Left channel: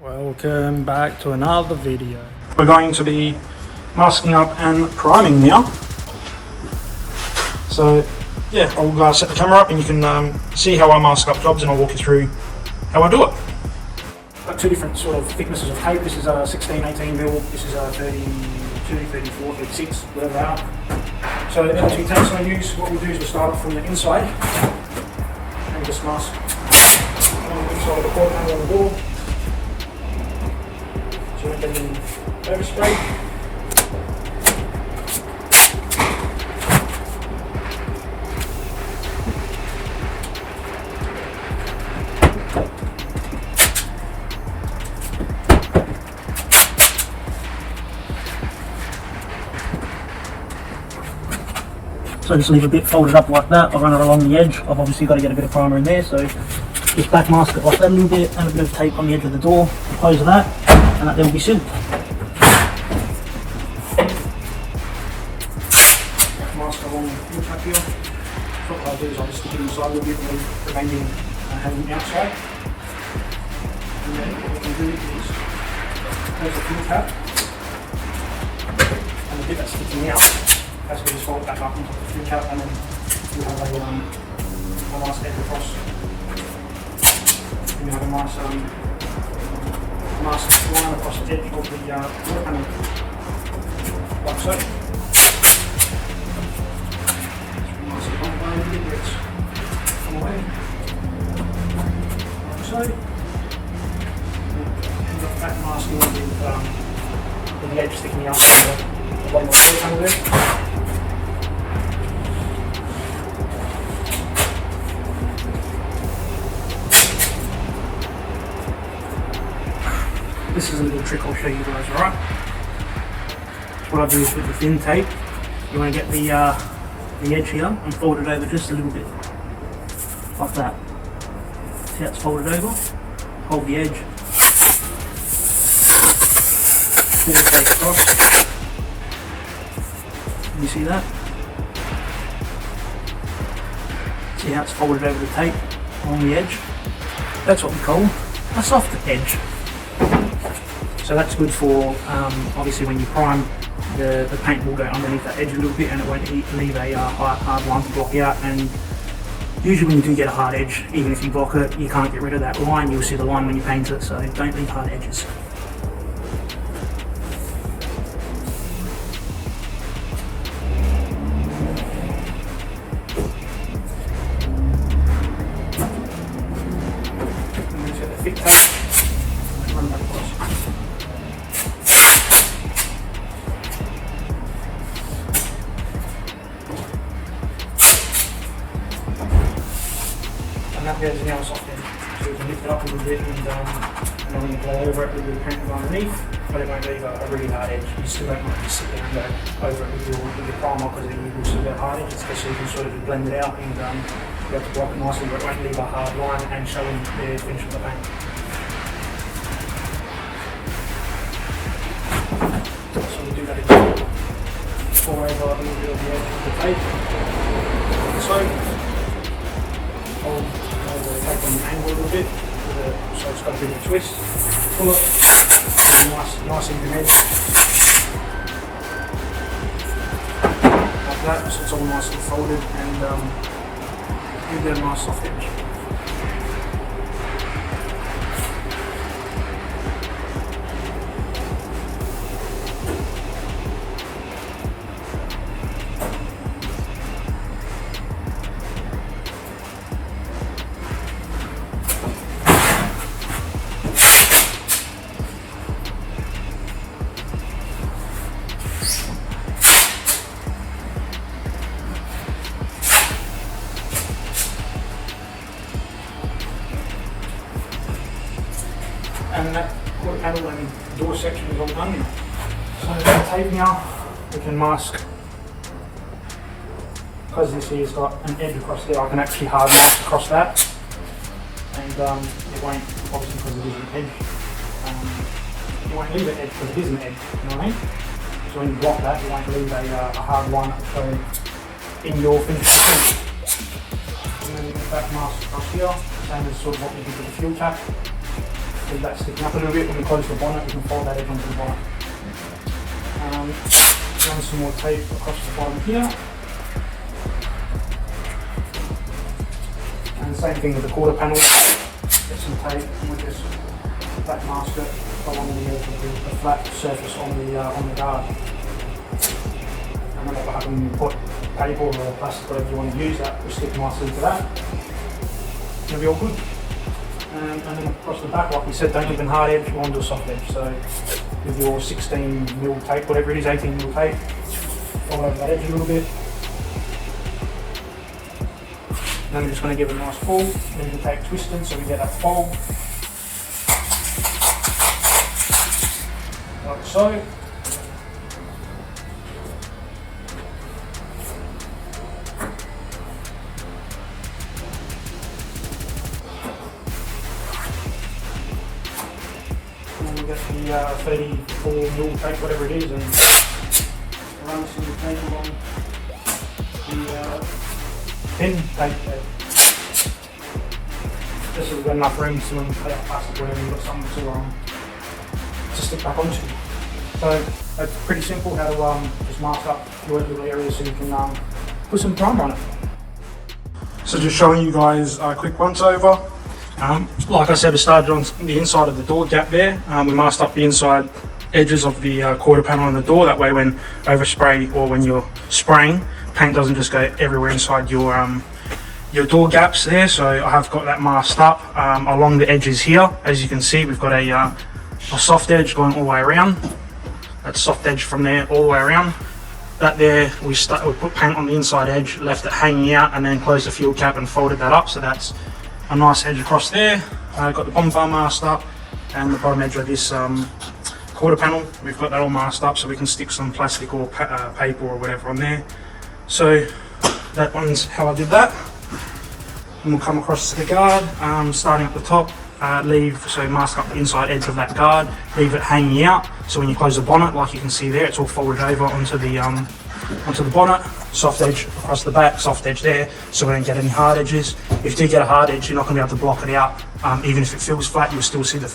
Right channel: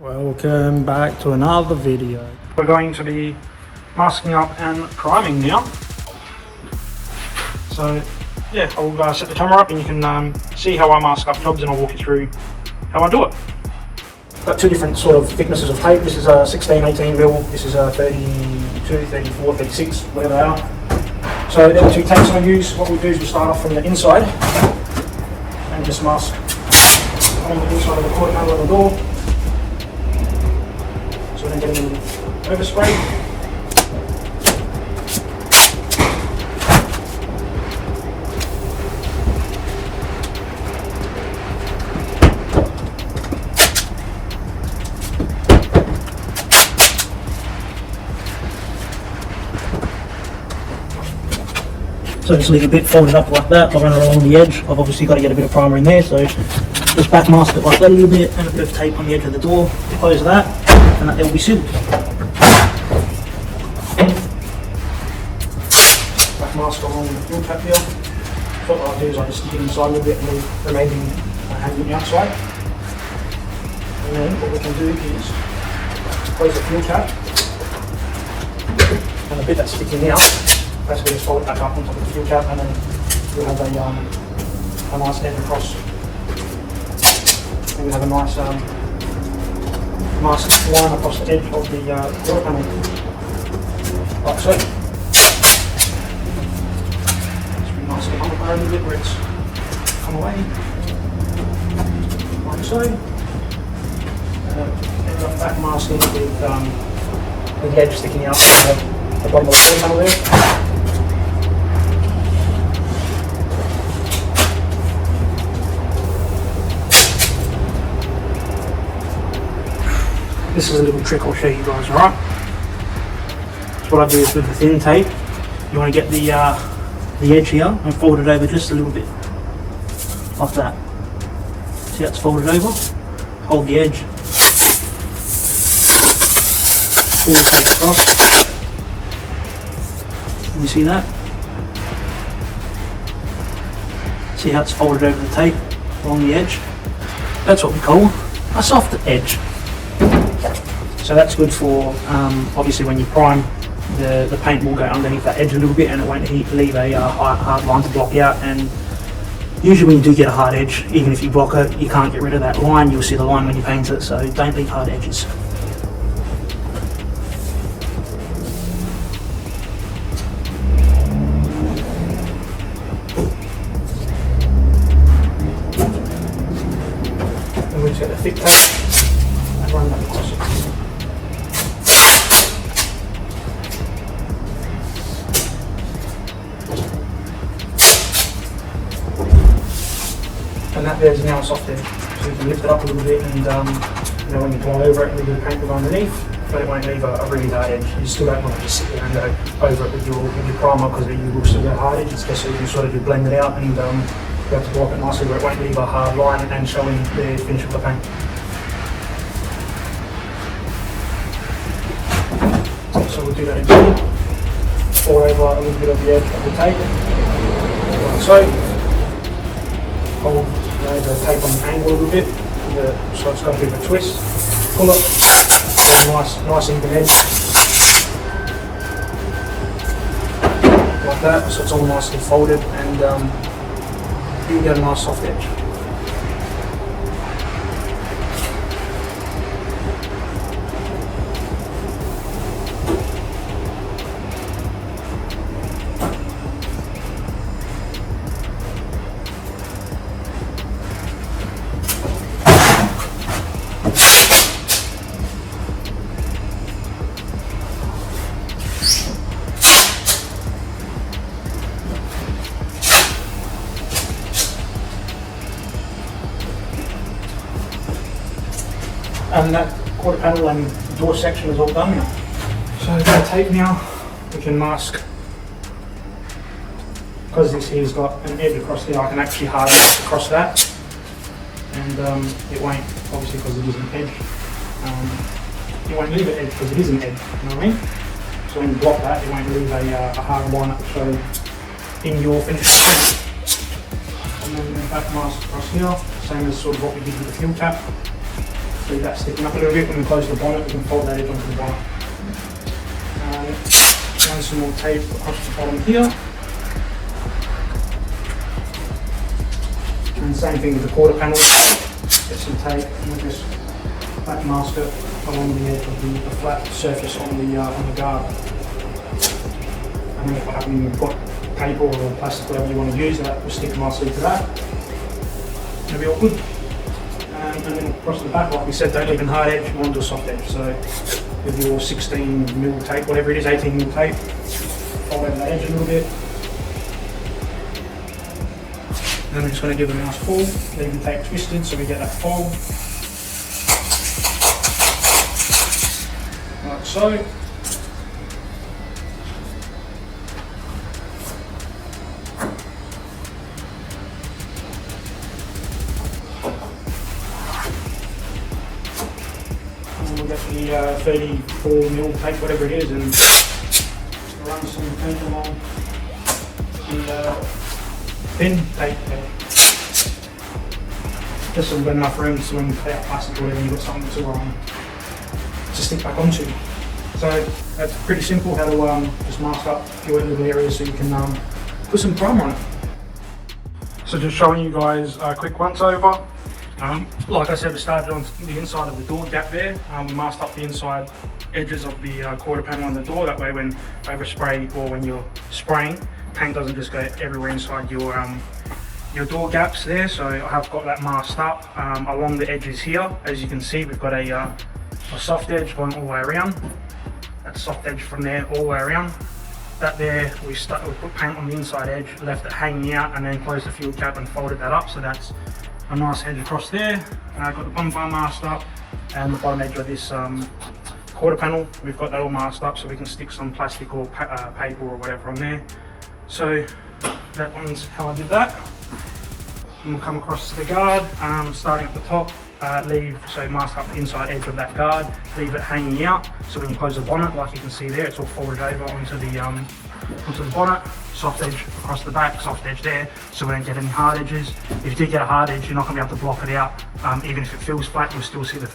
Welcome back to another video. We're going to be masking up and priming now. So yeah, I'll set the camera up and you can see how I mask up jobs, and I'll walk you through how I do it. Got two different sort of thicknesses of tape. This is a 16, 18 mil. This is a 32, 34, 36, whatever they are. So there are two tapes I use. What we'll do is we'll start off from the inside and just mask on the inside of the quarter panel of the door. So then get a little overspray. So just leave a bit folded up like that. I'll run it along the edge. I've obviously got to get a bit of primer in there, so just back mask it like that a little bit, and a bit of tape on the edge of the door. Close that, and that will be sealed. Back mask along the fuel cap here. So what I'll do is I'll just stick it inside a little bit and the remaining have on the outside. And then what we can do is close the fuel cap, and the bit that's sticking out, basically just fold it back up on top of the fuel cap, and then you'll have a nice edge across. And we have a nice mask line across the edge of the water panel, like so. Just be nice and on the lid where it's come away, like so. End up back masking with the edge sticking out from the bottom of the water panel there. This is a little trick I'll show you guys, alright? So what I do is with the thin tape, you want to get the edge here and fold it over just a little bit, like that. See how it's folded over? Hold the edge, pull the tape across. Can you see that? See how it's folded over the tape along the edge? That's what we call a soft edge. So that's good for, obviously when you prime, the paint will go underneath that edge a little bit and it won't leave a hard line to block out. And usually when you do get a hard edge, even if you block it, you can't get rid of that line. You'll see the line when you paint it, so don't leave hard edges. Then we just get the fit tape and run that across it. And that there's now a soft edge. So you can lift it up a little bit and when you blow over it, a little bit of paint will go underneath, but it won't leave a really hard edge. You still don't want to just sit there and go over it with your primer, because you will still get a hard edge, especially if you sort of blend it out and you have to block it nicely where it won't leave a hard line and showing the finish of the paint. So we'll do that again. Pour over a little bit of the edge of the tape, like so. Hold the tape on the angle a little bit, so it's got a bit of a twist. Pull it, get a nice even edge, like that, so it's all nicely folded, and you get a nice soft edge. And that quarter panel and door section is all done now. So with the tape now, we can mask. Because this here's got an edge across there, I can actually hard mask across that. And it won't, obviously because it is an edge, it won't leave an edge because it is an edge, you know what I mean? So when you block that, it won't leave a hard one show in your finished print. And then back mask across here, same as sort of what we did with the fuel cap. leave that sticking up a little bit. We can close the bonnet, we can fold that edge onto the bonnet. Run some more tape across the bottom here. And same thing with the quarter panel. Get some tape and we'll just back mask it along the edge of the flat surface on the guard. And then what will happen when you put paper or plastic, whatever you want to use, that will stick nicely to that. It'll be all good. And then across the back, like we said, don't leave a hard edge, you want to do a soft edge. So with your 16mm tape, whatever it is, 18mm tape, fold over that edge a little bit. Then we're just going to give it a nice pull, leave the tape twisted so we get that fold. Like so. We'll get the 34mm tape, whatever it is, and run some tape along the pen tape. Just so we've got enough room so when we cut out plastic or whatever, you've got something to stick back onto. So that's pretty simple how to just mask up a few little areas so you can put some primer on it. So just showing you guys a quick once over. Like I said, we started on the inside of the door gap there. We masked up the inside edges of the quarter panel on the door. That way when overspray or when you're spraying, paint doesn't just go everywhere inside your door gaps there. So I have got that masked up along the edges here. As you can see, we've got a soft edge going all the way around. That soft edge from there all the way around. That there, we put paint on the inside edge, left it hanging out, and then closed the fuel cap and folded that up. So that's a nice edge across there. Got the bonfire masked up, and the bottom edge of this quarter panel, we've got that all masked up so we can stick some plastic or paper or whatever on there. So that one's how I did that. And we'll come across to the guard, starting at the top, mask up the inside edge of that guard, leave it hanging out, so when you close the bonnet, like you can see there, it's all folded over onto the bonnet. Soft edge across the back, soft edge there, so we don't get any hard edges. If you do get a hard edge, you're not going to be able to block it out. Even if it feels flat, you'll still see the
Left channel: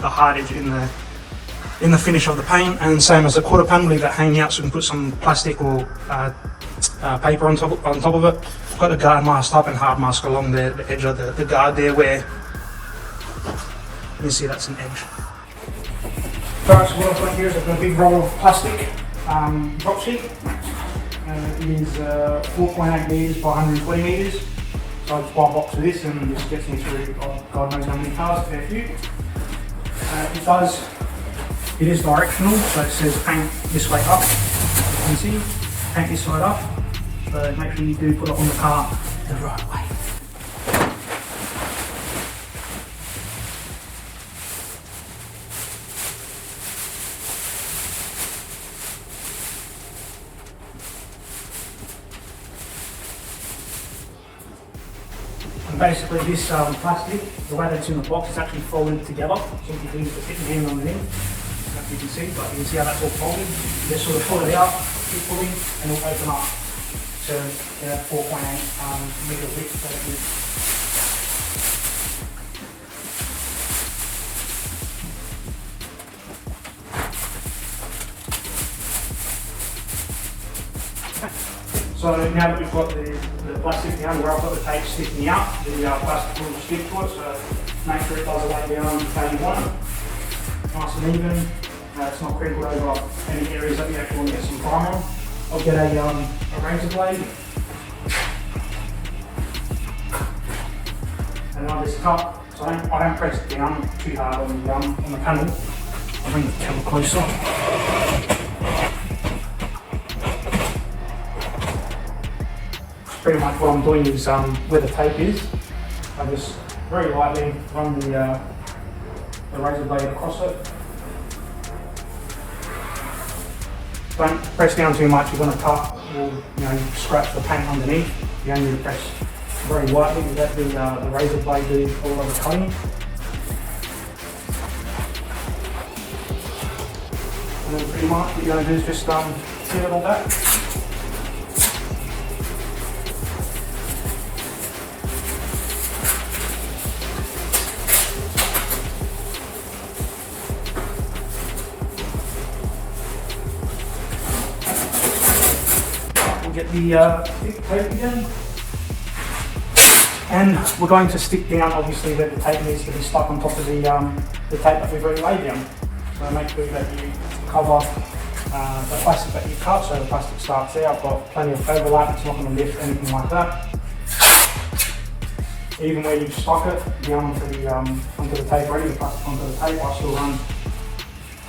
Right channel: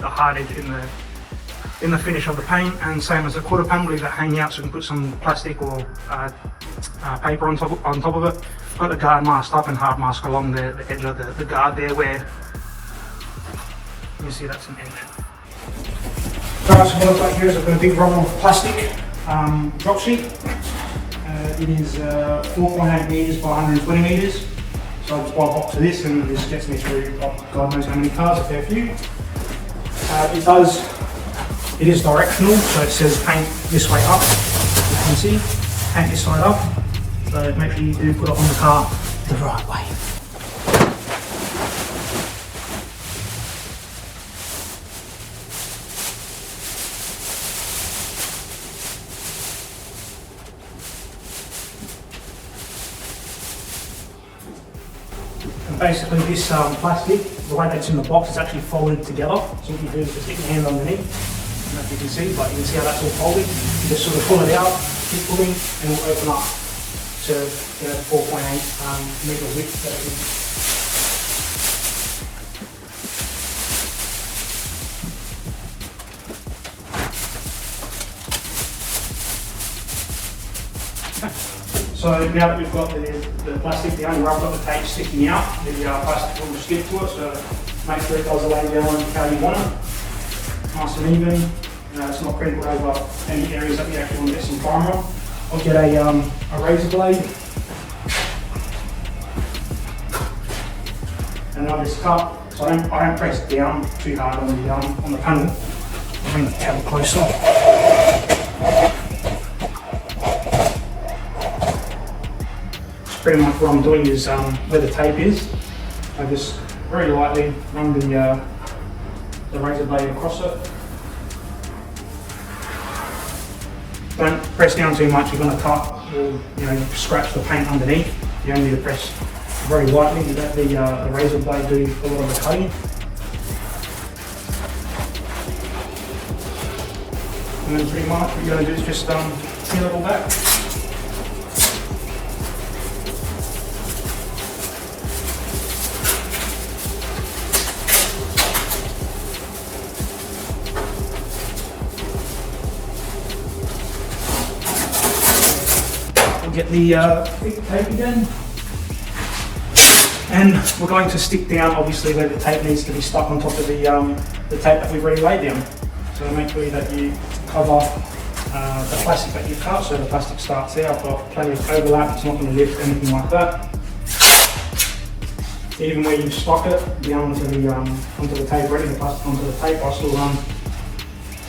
hard edge in the finish of the paint. And same as the quarter panel, leave that hanging out so we can put some plastic or paper on top of it. Got the guard masked up and hard mask along the edge of the guard there where you can see that's an edge. Alright, so what I've got here is I've got a big roll of plastic drop sheet. It is 4.8 metres by 120 metres. So I just buy a box of this and this gets me through God knows how many cars, a fair few. It is directional, so it says paint this way up. As you can see, paint this side up. So make sure you do put it on the car the right way. And basically this plastic, the way that's in the box, is actually folded together. So what you do is just get your hand underneath, I don't know if you can see, but you can see how that's all folded. You just sort of pull it out, keep pulling, and it'll open up to 4.8 metre width. So now that we've got the plastic down, we've got the tape sticking out, the plastic will just stick to it, so make sure it does lay down how you want it. Nice and even. It's not critical over any areas that we actually want to get some primer on. I'll get a razor blade and I'll just cut. So I don't press it down too hard on the panel. I'll bring the tail closer. Pretty much what I'm doing is where the tape is, I just very lightly run the razor blade across it. Don't press down too much, you're going to cut or scratch the paint underneath. You only need to press very lightly to let the razor blade do a lot of the cutting. And then pretty much what you're going to do is just peel it all back. the thick tape again. And we're going to stick down, obviously, where the tape needs to be stuck on top of the tape that we've already laid down. So make sure that you cover the plastic that you've cut, so the plastic starts there. I've got plenty of overlap, it's not going to lift anything like that. Even when you stock it down onto the tape ready, the plastic onto the tape, I still run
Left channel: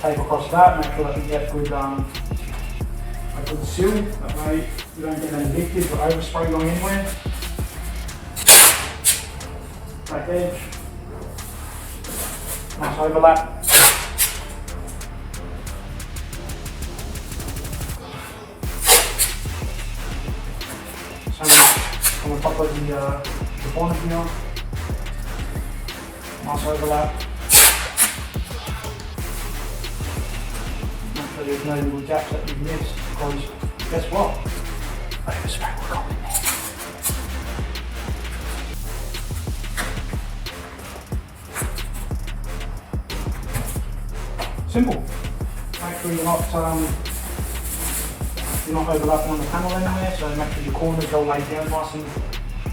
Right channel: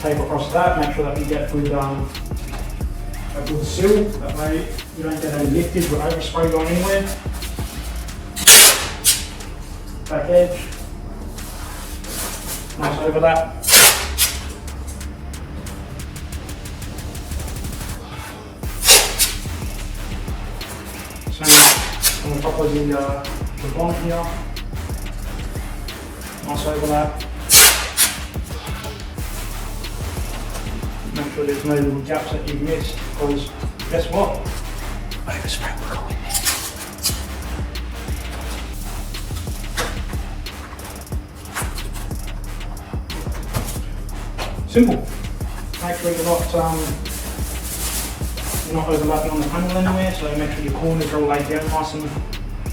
tape across that, make sure that we get good, a good seal, that way you don't get any leakage or overspray going anywhere. Back edge, nice overlap. Same on top of the bonnet here, nice overlap. Make sure there's no little gaps that you've missed, because guess what? Overspray will come in there. Simple. Make sure you're not overlapping on the panel anywhere, so make sure your corners are all laid down nice and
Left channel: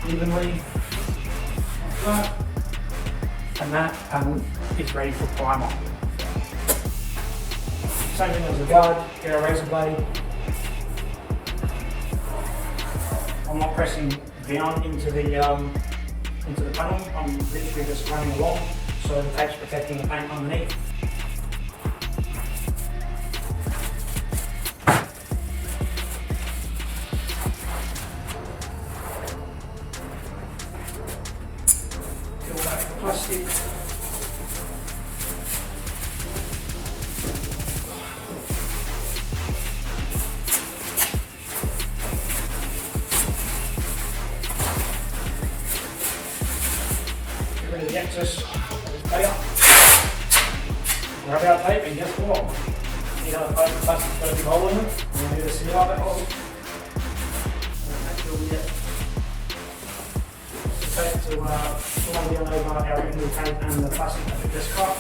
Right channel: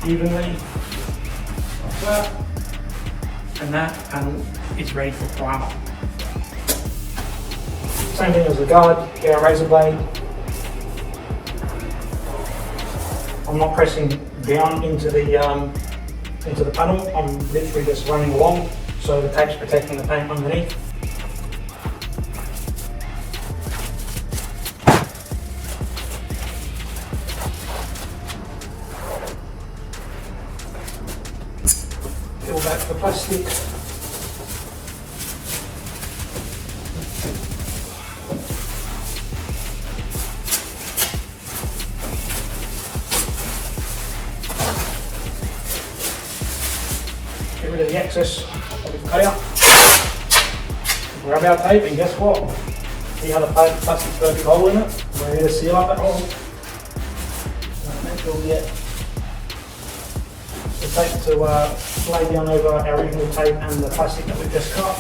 evenly. Like that. And that panel is ready for primer. Same thing as the guard, get our razor blade. I'm not pressing down into the panel, I'm literally just running along, so the tape's protecting the paint underneath. Peel back the plastic. Get rid of the excess that we've cut out. Grab our tape and guess what? See how the plastic's got a big hole in it? We're here to seal up that hole. Make sure we get the tape to lay down over our original tape and the plastic that we just cut.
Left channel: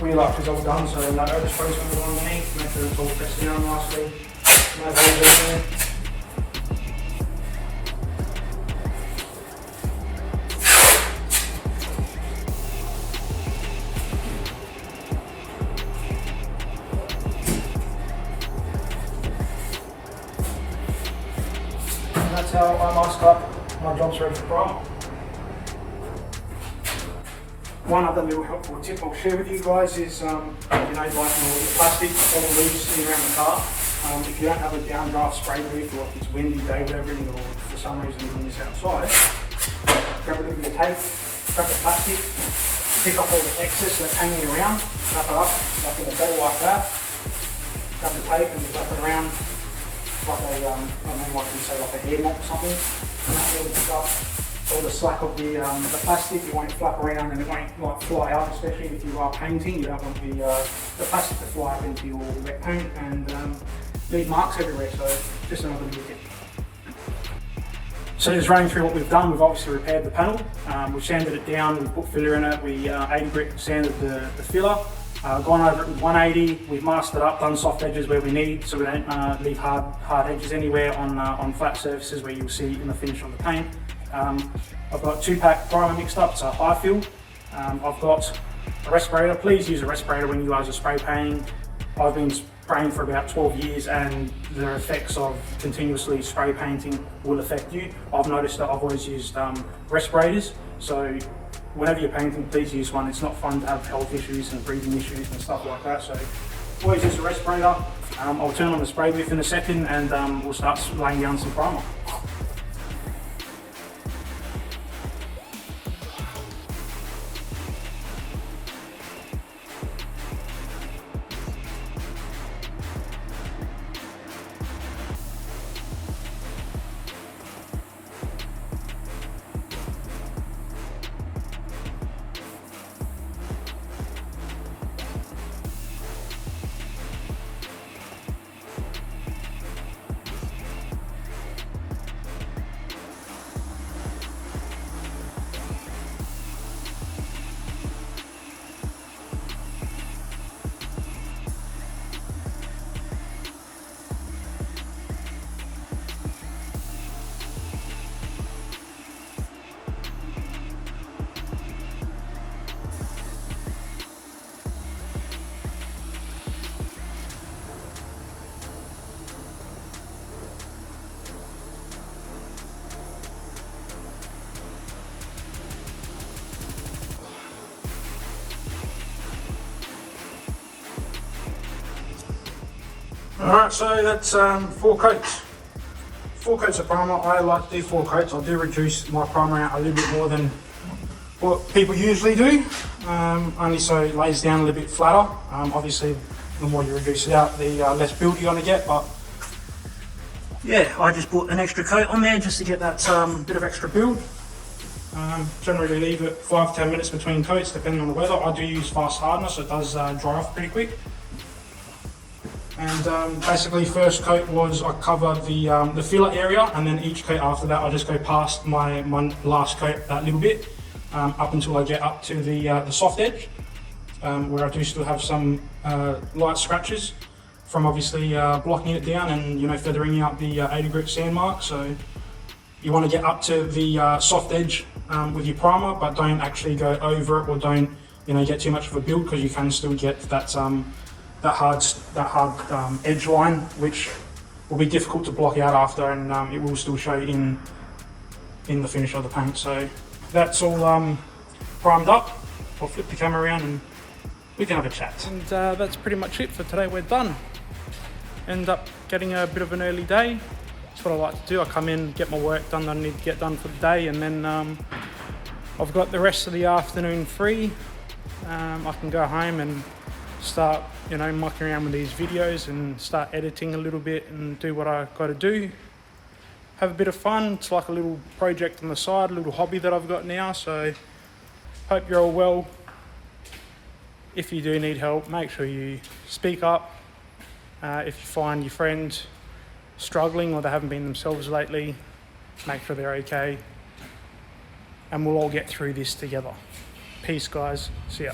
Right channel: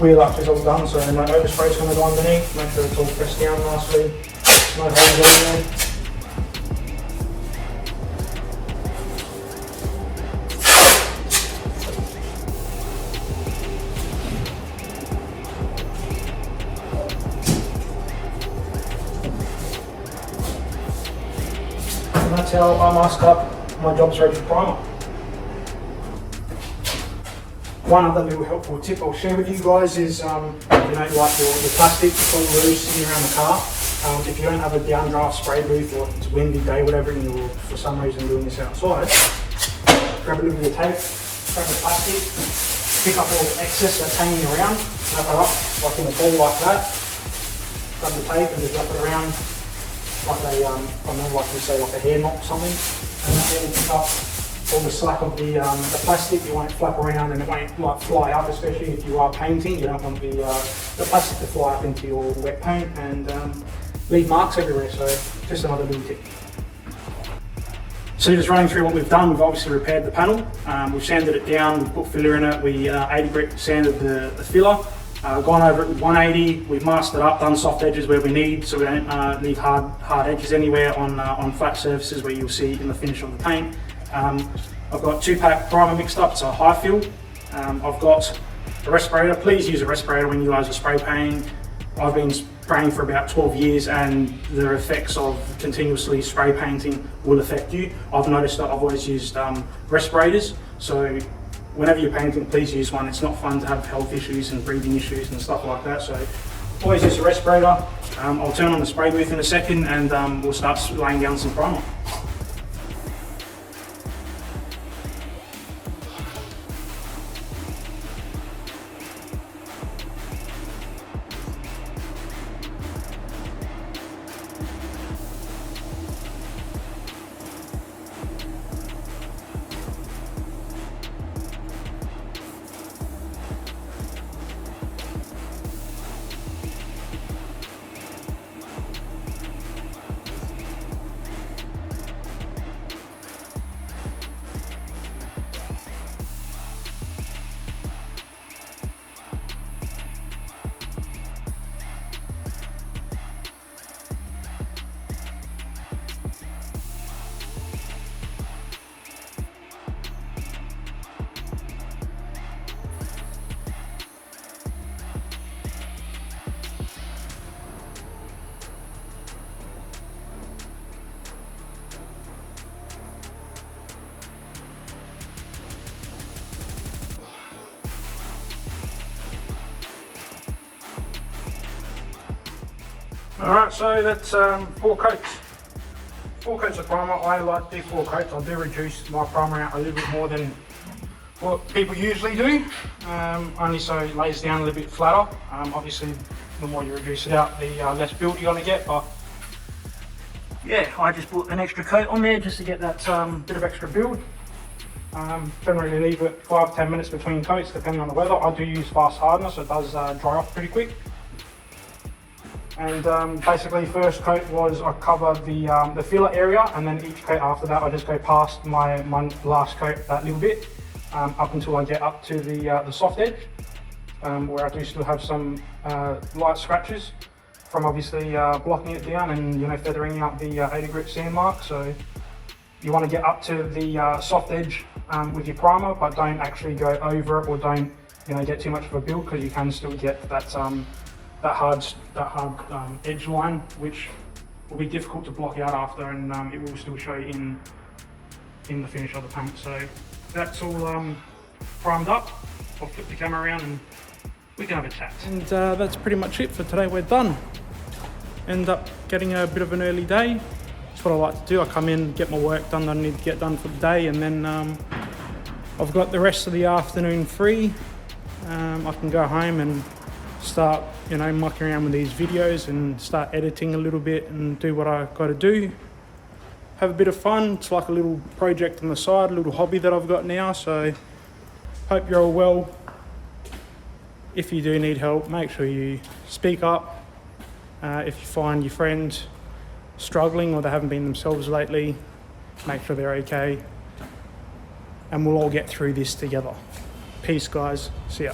Wheel arch is all done, so no overspray is going to go underneath. Make sure it's all pressed down nicely. No holes in there. And that's how I mask up. My job's ready for primer. One other little helpful tip I'll share with you guys is, like your plastic that's all loose sitting around the car. If you don't have a downdraft spray booth, or if it's a windy day, whatever, and you're for some reason doing this outside, grab a little bit of tape, grab the plastic, pick up all the excess that's hanging around, wrap it up like in a ball like that, grab the tape and just wrap it around like a, I don't know, like we say, like a hair knot or something, and that will pick up all the slack of the plastic. It won't flap around and it won't like fly up, especially if you are painting. You don't want the plastic to fly up into your wet paint and leave marks everywhere, so just another little tip. So just running through what we've done, we've obviously repaired the panel, we've sanded it down, we've put filler in it, we 80 grit sanded the filler, gone over it with 180, we've masked it up, done soft edges where we need, so we don't leave hard edges anywhere on flat surfaces where you'll see in the finish of the paint. I've got 2-pack primer mixed up, it's a high fill. I've got a respirator. Please use a respirator when you guys are spray painting. I've been spraying for about 12 years and the effects of continuously spray painting will affect you. I've noticed that I've always used respirators, so whenever you're painting, please use one. It's not fun to have health issues and breathing issues and stuff like that, so always use a respirator. I'll turn on the spray booth in a second and we'll start laying down some primer. Alright, so that's 4 coats. 4 coats of primer. I like to do 4 coats. I do reduce my primer out a little bit more than what people usually do, only so it lays down a little bit flatter. Obviously, the more you reduce it out, the less build you're going to get, but yeah, I just put an extra coat on there just to get that bit of extra build. Generally leave it 5-10 minutes between coats depending on the weather. I do use fast hardener, so it does dry off pretty quick. And basically first coat was I cover the filler area, and then each coat after that I just go past my last coat that little bit up until I get up to the soft edge, where I do still have some light scratches from obviously blocking it down and, you know, feathering out the 80 grit sand mark. So you want to get up to the soft edge with your primer, but don't actually go over it, or don't, you know, get too much of a build, because you can still get that hard edge line, which will be difficult to block out after, and it will still show in the finish of the paint. So that's all primed up. I'll flip the camera around and we can have a chat. And that's pretty much it for today. We're done. End up getting a bit of an early day. That's what I like to do. I come in, get my work done that I need to get done for the day, and then I've got the rest of the afternoon free. I can go home and start, you know, mucking around with these videos and start editing a little bit and do what I got to do. Have a bit of fun. It's like a little project on the side, a little hobby that I've got now. So hope you're all well. If you do need help, make sure you speak up. If you find your friends struggling or they haven't been themselves lately, make sure they're okay. And we'll all get through this together. Peace, guys. See ya.